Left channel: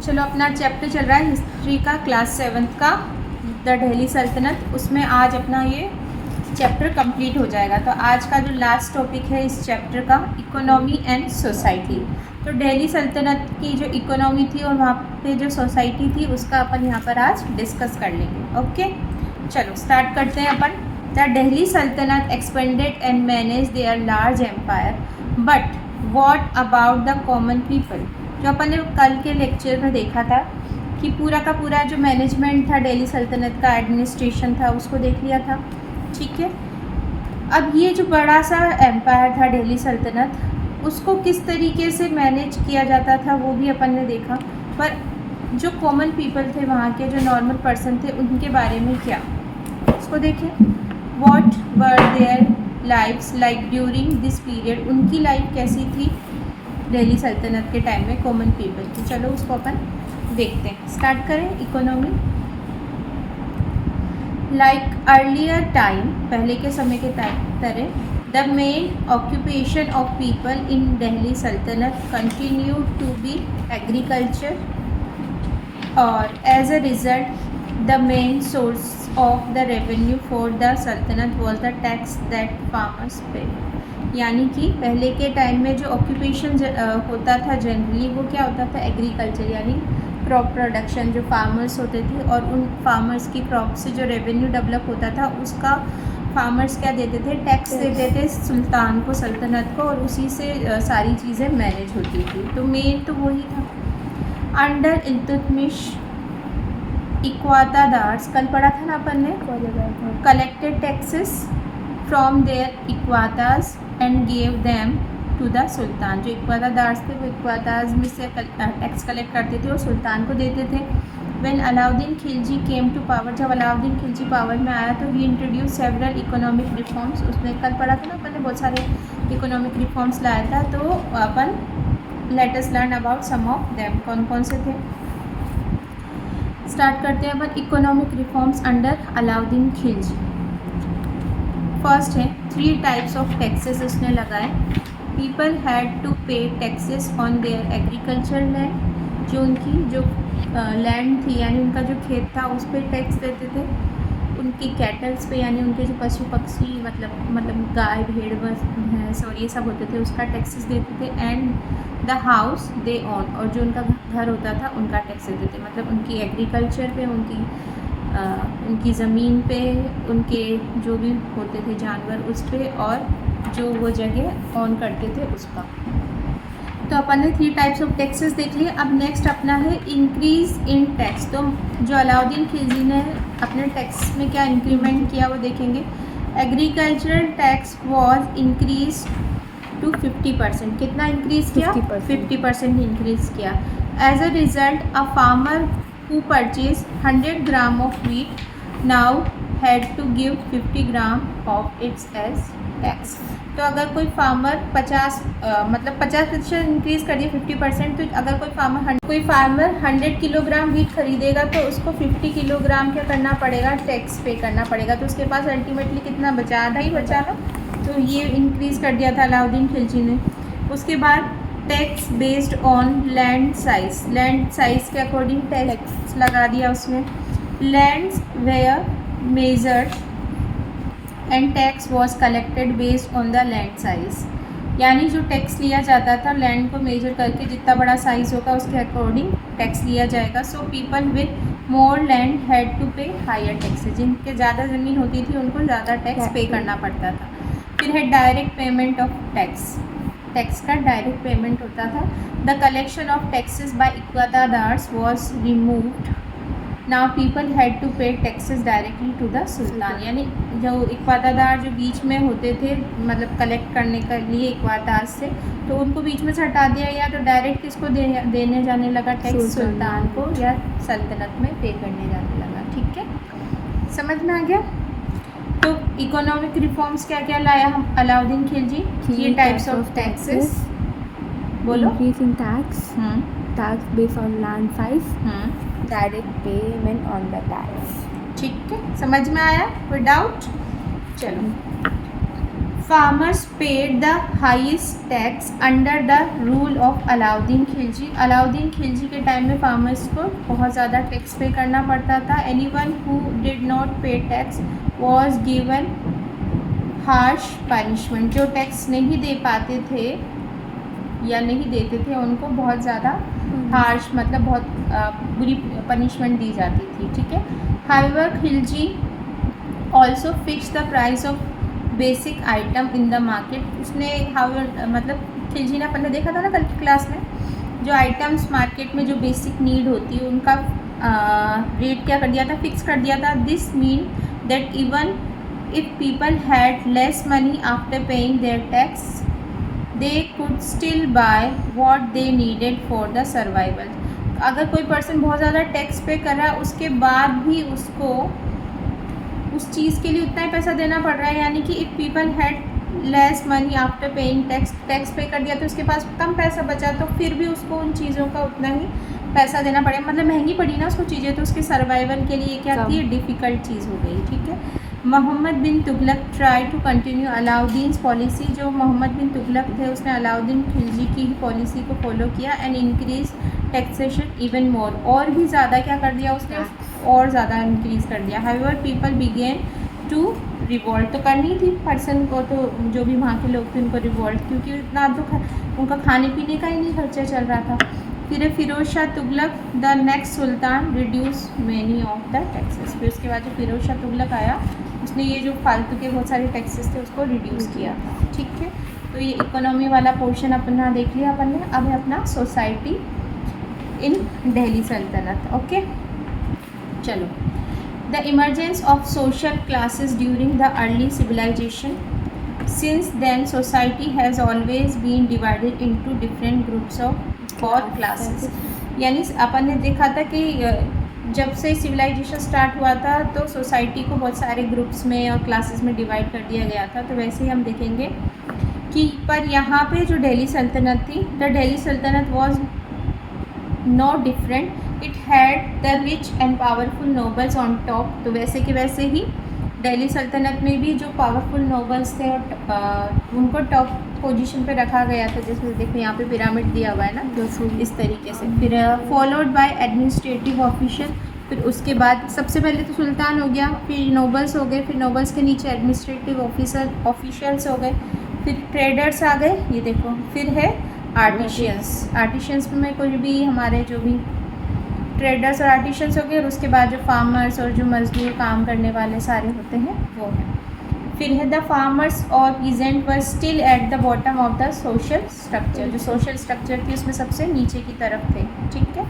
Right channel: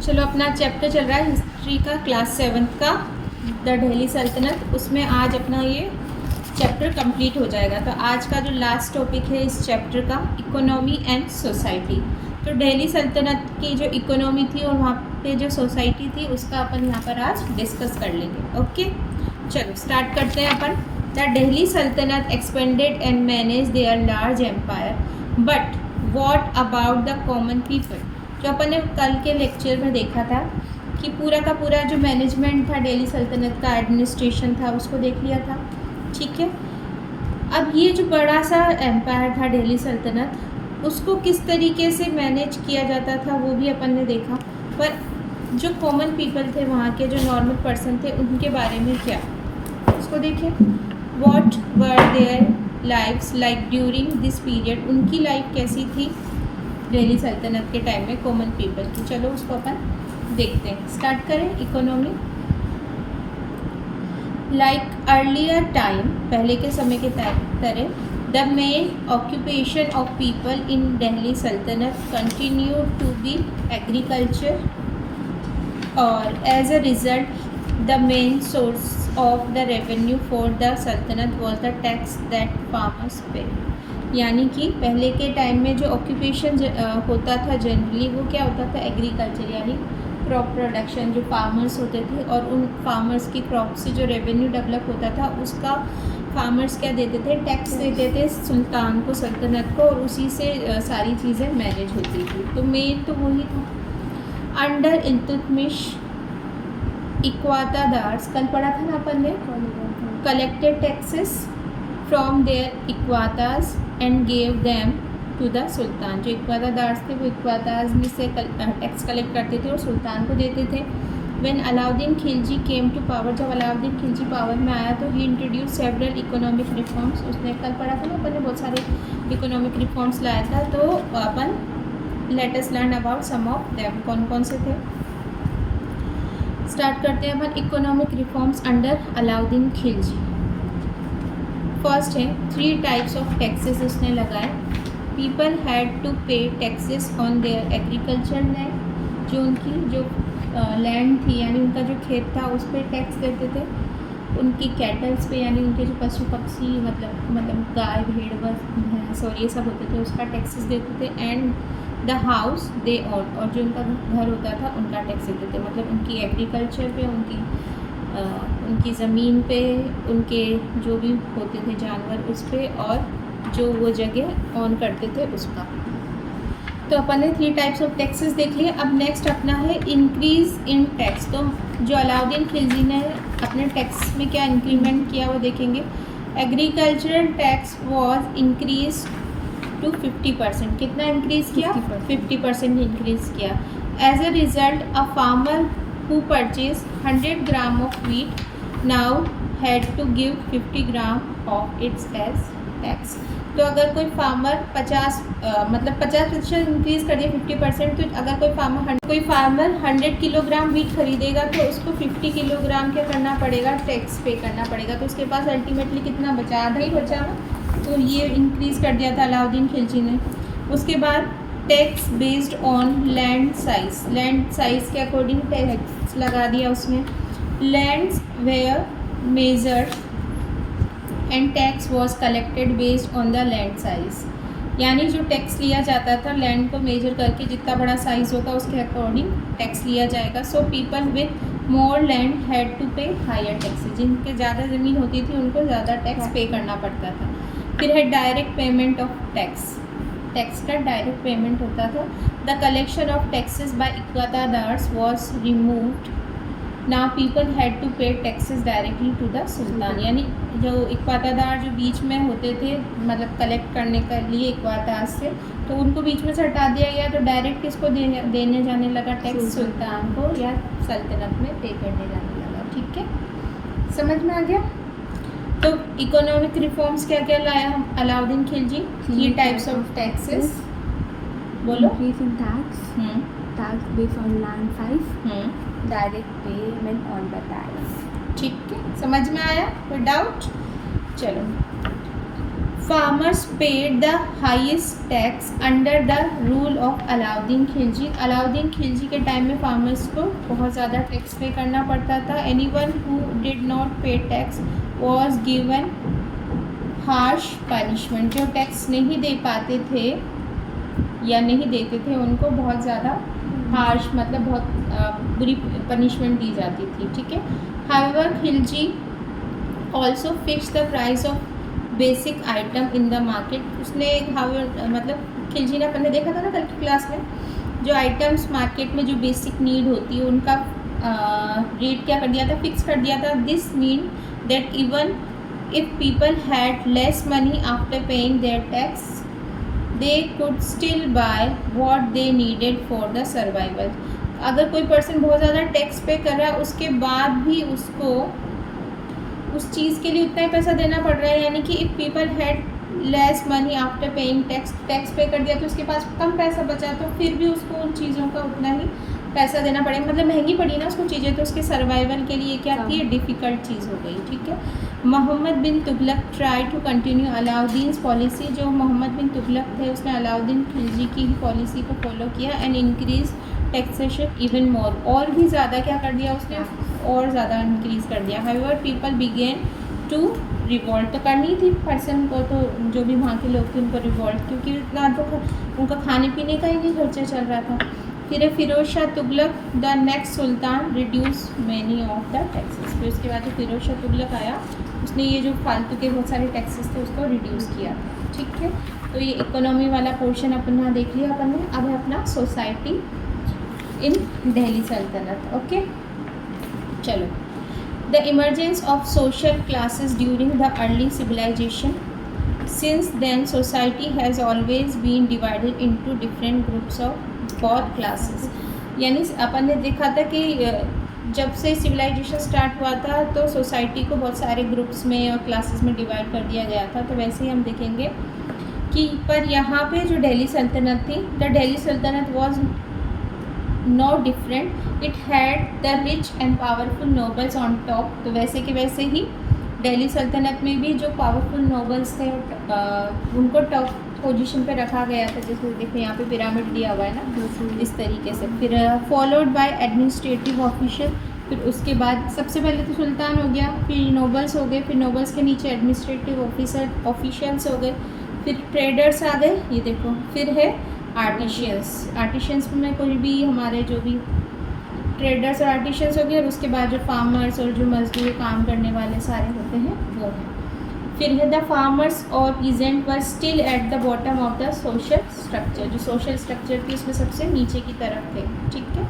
चलो अपना चैप्टर चल रहा है हिस्ट्री का, क्लास 7th का, द दिल्ली सल्तनत। उसमें आज अपना ये चैप्टर कंप्लीट हो जाएगा। तो आज का जो लास्ट टॉपिक है इस चैप्टर का, इकोनॉमी एंड सोसाइटी। तो दिल्ली सल्तनत की जो इकोनॉमी थी और वहाँ पे जो सोसाइटी थी उसका अपन यहाँ पर आज डिस्कस कर लेंगे। ओके, चलो स्टार्ट करते हैं अपन। The Delhi Saltanat expanded and manage their large empire, but what about the common people. जो अपन ने कल के लेक्चर में देखा था कि पूरा का पूरा जो मैनेजमेंट था दिल्ली सल्तनत का, एडमिनिस्ट्रेशन था, उसको देख लिया था। ठीक है, अब ये जो बड़ा सा एम्पायर था दिल्ली सल्तनत, उसको किस तरीके से मैनेज किया जाता था वो भी अपन ने देखा। पर जो कॉमन पीपल थे, वहाँ के जो नॉर्मल पर्सन थे, उनके बारे में क्या, उसको देखें। What were their lifes like during this period. उनकी लाइफ कैसी थी दिल्ली सल्तनत के टाइम में कॉमन पीपल की। चलो उसको अपन देखते हैं। स्टार्ट करें। इकोनॉमी, लाइक अर्लियर टाइम, पहले के समय के तरह, the main occupation of people in Delhi sultanate continue to be agriculture, और as a result the main source of the revenue for the sultanate was the tax that farmers pay. यानी कि पहले के टाइम में जो ऑक्यूपेशन होता था generally, वो क्या होता था, एग्रीकल्चर, यानी क्रॉप प्रोडक्शन। जो फार्मर्स होते थे और उन फार्मर्स की क्रॉप से जो रेवेन्यू डेवलप होता था उसका फार्मर्स क्या देते थे, टैक्स देते थे सुल्तान को, सल्तनत को, और उसी से सारी चीज़ें मैनेज होती थी। तो मेन तो वही था। अंडर इल्तुतमिश, इक्वातादार्स, कल पढ़ा था ना अपन ने, collected taxes from their iqtas and gave them to the sultan. जो इक्वातादार्स थे वो इक्वाताज में से टैक्स कलेक्ट करते थे और सुल्तान को देते थे। When Alauddin Khilji came to power, जब अलाउद्दीन खिलजी पावर में आया तो ही इंट्रोड्यूस सेवरल इकोनॉमिक रिफॉर्म्स। उसने कल पढ़ा था ना अपन ने, बहुत सारे इकोनॉमिक रिफॉर्म्स लाया था। तो अपन let us learn about some of them. कौन कौन से थे, स्टार्ट करते हैं अपन। Economic reforms under Alauddin Khilji. First है 3 टाइप्स ऑफ टैक्सेस उसने लगाए। People had to pay taxes on their agriculture land, जो उनकी जो लैंड थी, यानी उनका जो खेत था, उस पर टैक्स देते थे। उनकी कैटल्स पे, यानी उनके जो पशु पक्षी, मतलब गाय भेड़ भैंस और ये सब होते थे, उसका टैक्सेस देते थे। And the house they own, और जो उनका घर होता था उनका टैक्स देते थे। मतलब उनकी एग्रीकल्चर पे, उनकी ज़मीन पे, उनके जो भी होते थे जानवर उस पे, और जो वो जगह ऑन करते थे उसका। तो अपन ने 3 टाइप्स ऑफ टैक्सेस देख लिए। अब नेक्स्ट अपना है इंक्रीज़ इन टैक्स। तो जो अलाउद्दीन खिलजी ने अपने टैक्स में क्या इंक्रीमेंट किया वो देखेंगे। Agricultural tax was increase to 50%। कितना इंक्रीज़ किया, 50% इंक्रीज़ किया। As a result a farmer who purchased 100 gram of wheat now had to give 50 gram of its as tax। तो अगर कोई फार्मर 50% इंक्रीज़ कर दिया, 50%। तो अगर कोई फार्मर 100 किलोग्राम व्हीट खरीदेगा तो उसको 50 किलोग्राम क्या करना पड़ेगा, टैक्स पे करना पड़ेगा। तो उसके पास अल्टीमेटली कितना बचा, आधा ही बचा ना। तो ये इंक्रीज़ कर दिया था अलाउद्दीन खिलजी ने। उसके बाद tax based on land size, land size के अकॉर्डिंग टैक्स लगा दिया उसने। Lands were measured and tax was collected based on the land size. यानी जो टैक्स लिया जाता था, लैंड को मेजर करके जितना बड़ा साइज़ होगा उसके अकॉर्डिंग टैक्स लिया जाएगा। So people with more land had to pay higher taxes. जिनके ज़्यादा ज़मीन होती थी उनको ज़्यादा टैक्स पे करना पड़ता था। फिर है direct payment of tax, tax का डायरेक्ट पेमेंट होता था। The collection of taxes by iqtadars was removed. Now people had to pay taxes directly to the sultan. यानी जो इक्वातादार जो बीच में होते थे, मतलब कलेक्ट करने के लिए इक्वाताज से, तो उनको बीच में से हटा दिया गया। तो डायरेक्ट किसको देने जाने लगा टैक्स, सुल्तान को या सल्तनत में पे करने जाने लगा। ठीक है, समझ में आ गया। तो इकोनॉमिक रिफॉर्म्स क्या क्या लाया हम Alauddin Khilji, 3 types of taxes. बोलो। Increasing tax, tax based on land size, direct payment on the tax। ठीक है, समझ में आया, कोई डाउट? चलो farmers paid the highest tax under the rule of Alauddin Khilji. Alauddin Khilji के टाइम में फार्मर्स को बहुत ज़्यादा टैक्स पे करना पड़ता था। एनीवन हु डिड नॉट पे tax was given harsh punishment. जो टैक्स नहीं दे पाते थे या नहीं देते थे उनको बहुत ज़्यादा हार्श मतलब बहुत बुरी पनिशमेंट दी जाती थी, ठीक है। However Khilji also fix the price of basic item in the market. उसने मतलब खिलजी ने अपन ने देखा था ना कल की क्लास में, जो आइटम्स मार्केट में जो बेसिक नीड होती है उनका रेट क्या कर दिया था, फिक्स कर दिया था। This mean that even if people had less money after paying their tax they could still buy what they needed for the survival. अगर कोई पर्सन बहुत ज़्यादा टैक्स पे कर रहा है उसके बाद भी उसको उस चीज़ के लिए उतना ही पैसा देना पड़ रहा है, यानी कि if people had less money after paying tax पे कर दिया तो उसके पास कम पैसा बचा तो फिर भी उसको उन चीज़ों का उतना ही पैसा देना पड़ेगा, मतलब महंगी पड़ी ना उसको चीज़ें, तो उसके सर्वाइवल के लिए क्या थी, डिफ़िकल्ट चीज़ हो गई, ठीक है। Mohammad bin Tughlaq try to continue Alauddin policy. जो मोहम्मद बिन तुगलक थे उसने अलाउद्दीन खिलजी की ही पॉलिसी को फॉलो किया and increase taxation even more. और भी ज़्यादा क्या कर दिया उसने, और ज़्यादा इंक्रीज़ कर दिया। However people began to revolt. तो करनी थी पर्सन को, तो जो भी वहाँ के लोग थे उनको रिवॉल्ट, क्योंकि इतना तो उनका खाने पीने का ही नहीं खर्चा चल रहा था। फिर Firoz Shah Tughlaq the next sultan reduce many of the taxes. फिर उसके बाद जो फिरोज शाह तुगलक आया उसने ये जो फालतू के बहुत सारे टैक्सेस थे उसको रिड्यूस किया था, ठीक है। तो ये इकोनॉमी वाला पोर्शन अपना देख लिया अपन ने। अब है अपना society in Delhi Sultanat, okay. चलो, the emergence of social classes during the early civilization. Since then society has always been divided into different groups of 4 classes. यानी अपन ने देखा था कि जब से सिविलाइजेशन स्टार्ट हुआ था तो सोसाइटी को बहुत सारे ग्रुप्स में और क्लासेस में डिवाइड कर दिया गया था। तो वैसे ही हम देखेंगे कि पर यहाँ पे जो दिल्ली सल्तनत थी, the Delhi Sultanat was no different. It had the rich and powerful nobles on top. तो वैसे के वैसे ही दिल्ली सल्तनत में भी जो पावरफुल नोबल्स थे उनको टॉप पोजीशन पे रखा गया था। जैसे देखो यहाँ पे पिरामिड दिया हुआ है ना, इस तरीके से। फिर फॉलोड बाय एडमिनिस्ट्रेटिव ऑफिशियल। फिर उसके बाद सबसे पहले तो सुल्तान हो गया, फिर नोबल्स हो गए, फिर नोबल्स के नीचे एडमिनिस्ट्रेटिव ऑफिशियल्स हो गए, फिर ट्रेडर्स आ गए, ये देखो। फिर है आर्टिशियंस में कोई भी हमारे जो भी ट्रेडर्स और आर्टिशियंस हो गए, और उसके बाद जो फार्मर्स और जो मजदूर काम करने वाले सारे होते हैं वो हैं। फिर है द फार्मर्स और peasant were still at the bottom of the social structure. जो सोशल स्ट्रक्चर थी उसमें सबसे नीचे की तरफ थे, ठीक है।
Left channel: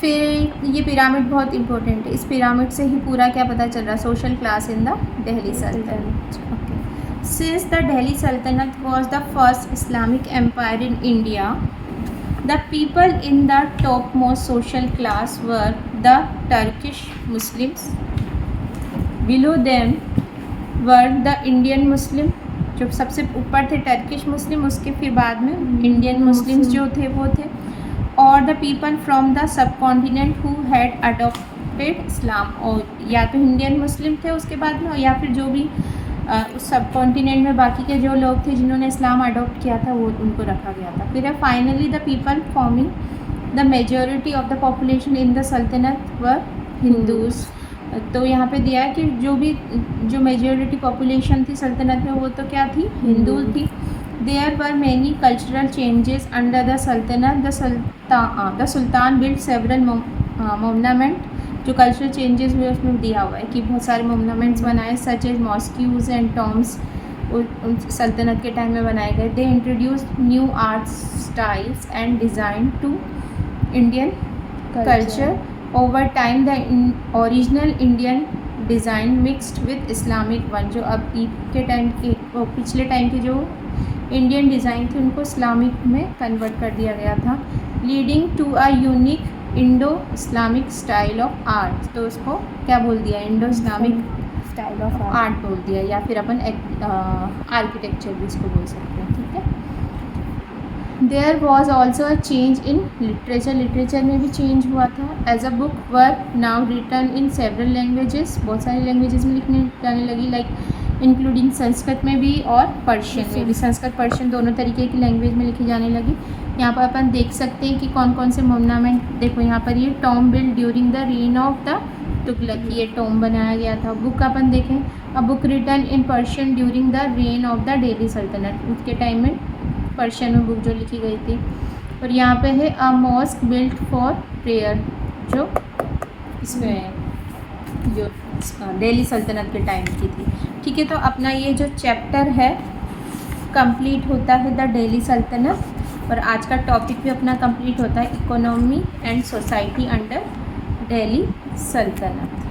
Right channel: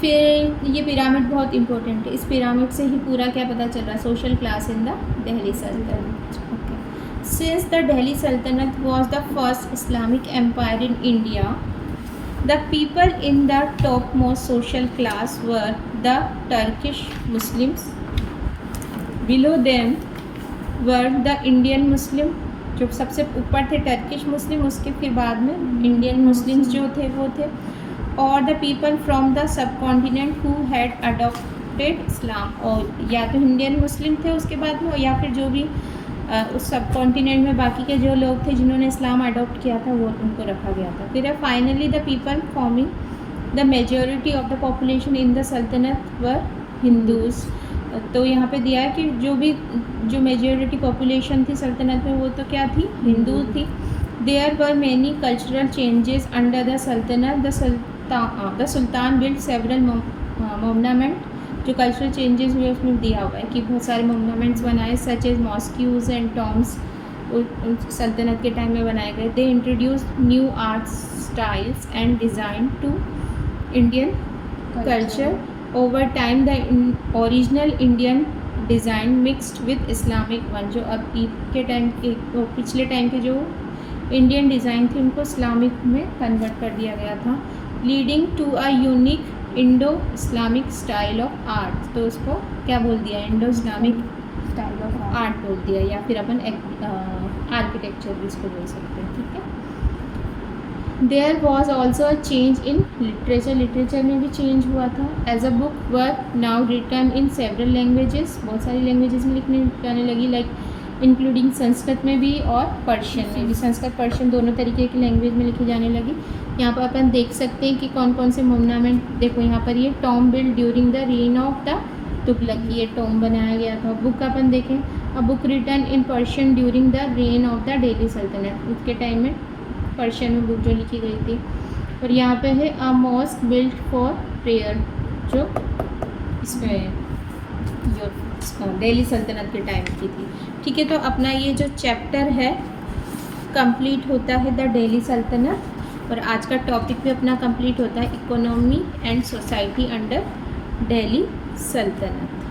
फिर ये पिरामिड बहुत इंपॉर्टेंट है, इस पिरामिड से ही पूरा क्या पता चल रहा, social class in the Delhi Sultanat, okay. Since the Delhi Sultanat was the first Islamic empire in India, the people in the topmost social class were the Turkish Muslims. Below them were the Indian Muslim, जो सबसे ऊपर थे Turkish मुस्लिम, उसके फिर बाद में Indian Muslims जो थे वो थे। और the people from the subcontinent who had adopted Islam. और या तो इंडियन मुस्लिम थे उसके बाद में, और या फिर जो भी उस सब कॉन्टिनेंट में बाकी के जो लोग थे जिन्होंने इस्लाम अडॉप्ट किया था वो उनको रखा गया था। फिर है finally the people forming the majority of the population in the सल्तनत वर हिंदूज़। तो यहाँ पे दिया है कि जो मेजॉरिटी पॉपुलेशन थी सल्तनत में वो तो क्या थी, हिंदू थी। There were many cultural changes under the sultanate. The sultan build several monument. जो कल्चरल चेंजेस हुए उसमें दिया हुआ है कि बहुत सारे मोनूमेंट्स बनाए, such as mosques and tombs सल्तनत के टाइम में बनाए गए। They introduce new art styles and design to Indian culture. Over time the original Indian design mixed with Islamic one. जो अब के टाइम के पिछले टाइम के जो इंडियन डिज़ाइन थे उनको इस्लामिक में कन्वर्ट कर दिया गया था, leading to a unique Indo Islamic style of art. तो उसको क्या बोल दिया, Indo Islamic style of art बोल दिया, या फिर अपन आर्किटेक्चर भी इसको बोल सकते हैं, ठीक है। There was also a change in literature. Literature में भी चेंज हुआ था। As a book were now written in several languages. बहुत सारी लैंग्वेजेस में लिखने जाने लगी, लाइक इंक्लूडिंग संस्कृत में भी और पर्शियन में भी। संस्कृत पर्शियन दोनों तरीके की लैंग्वेज में लिखी जाने लगी। यहाँ पर अपन देख सकते हैं कि कौन कौन से मोर्नामेंट, देखो यहाँ पर ये tomb build during the reign of the Tughlaq, ये टॉम बनाया गया था। बुक अपन देखें, a book written in Persian during the reign of the Delhi Sultanat, उसके टाइम में पर्शियन में बुक जो लिखी गई थी। और यहाँ पे है a mosque built for prayer, जो इसमें जो दिल्ली सल्तनत के टाइम की थी। ठीक है, तो अपना ये जो चैप्टर है कंप्लीट होता है द दिल्ली सल्तनत, और आज का टॉपिक भी अपना कंप्लीट होता है economy and society under Delhi सल्तनत।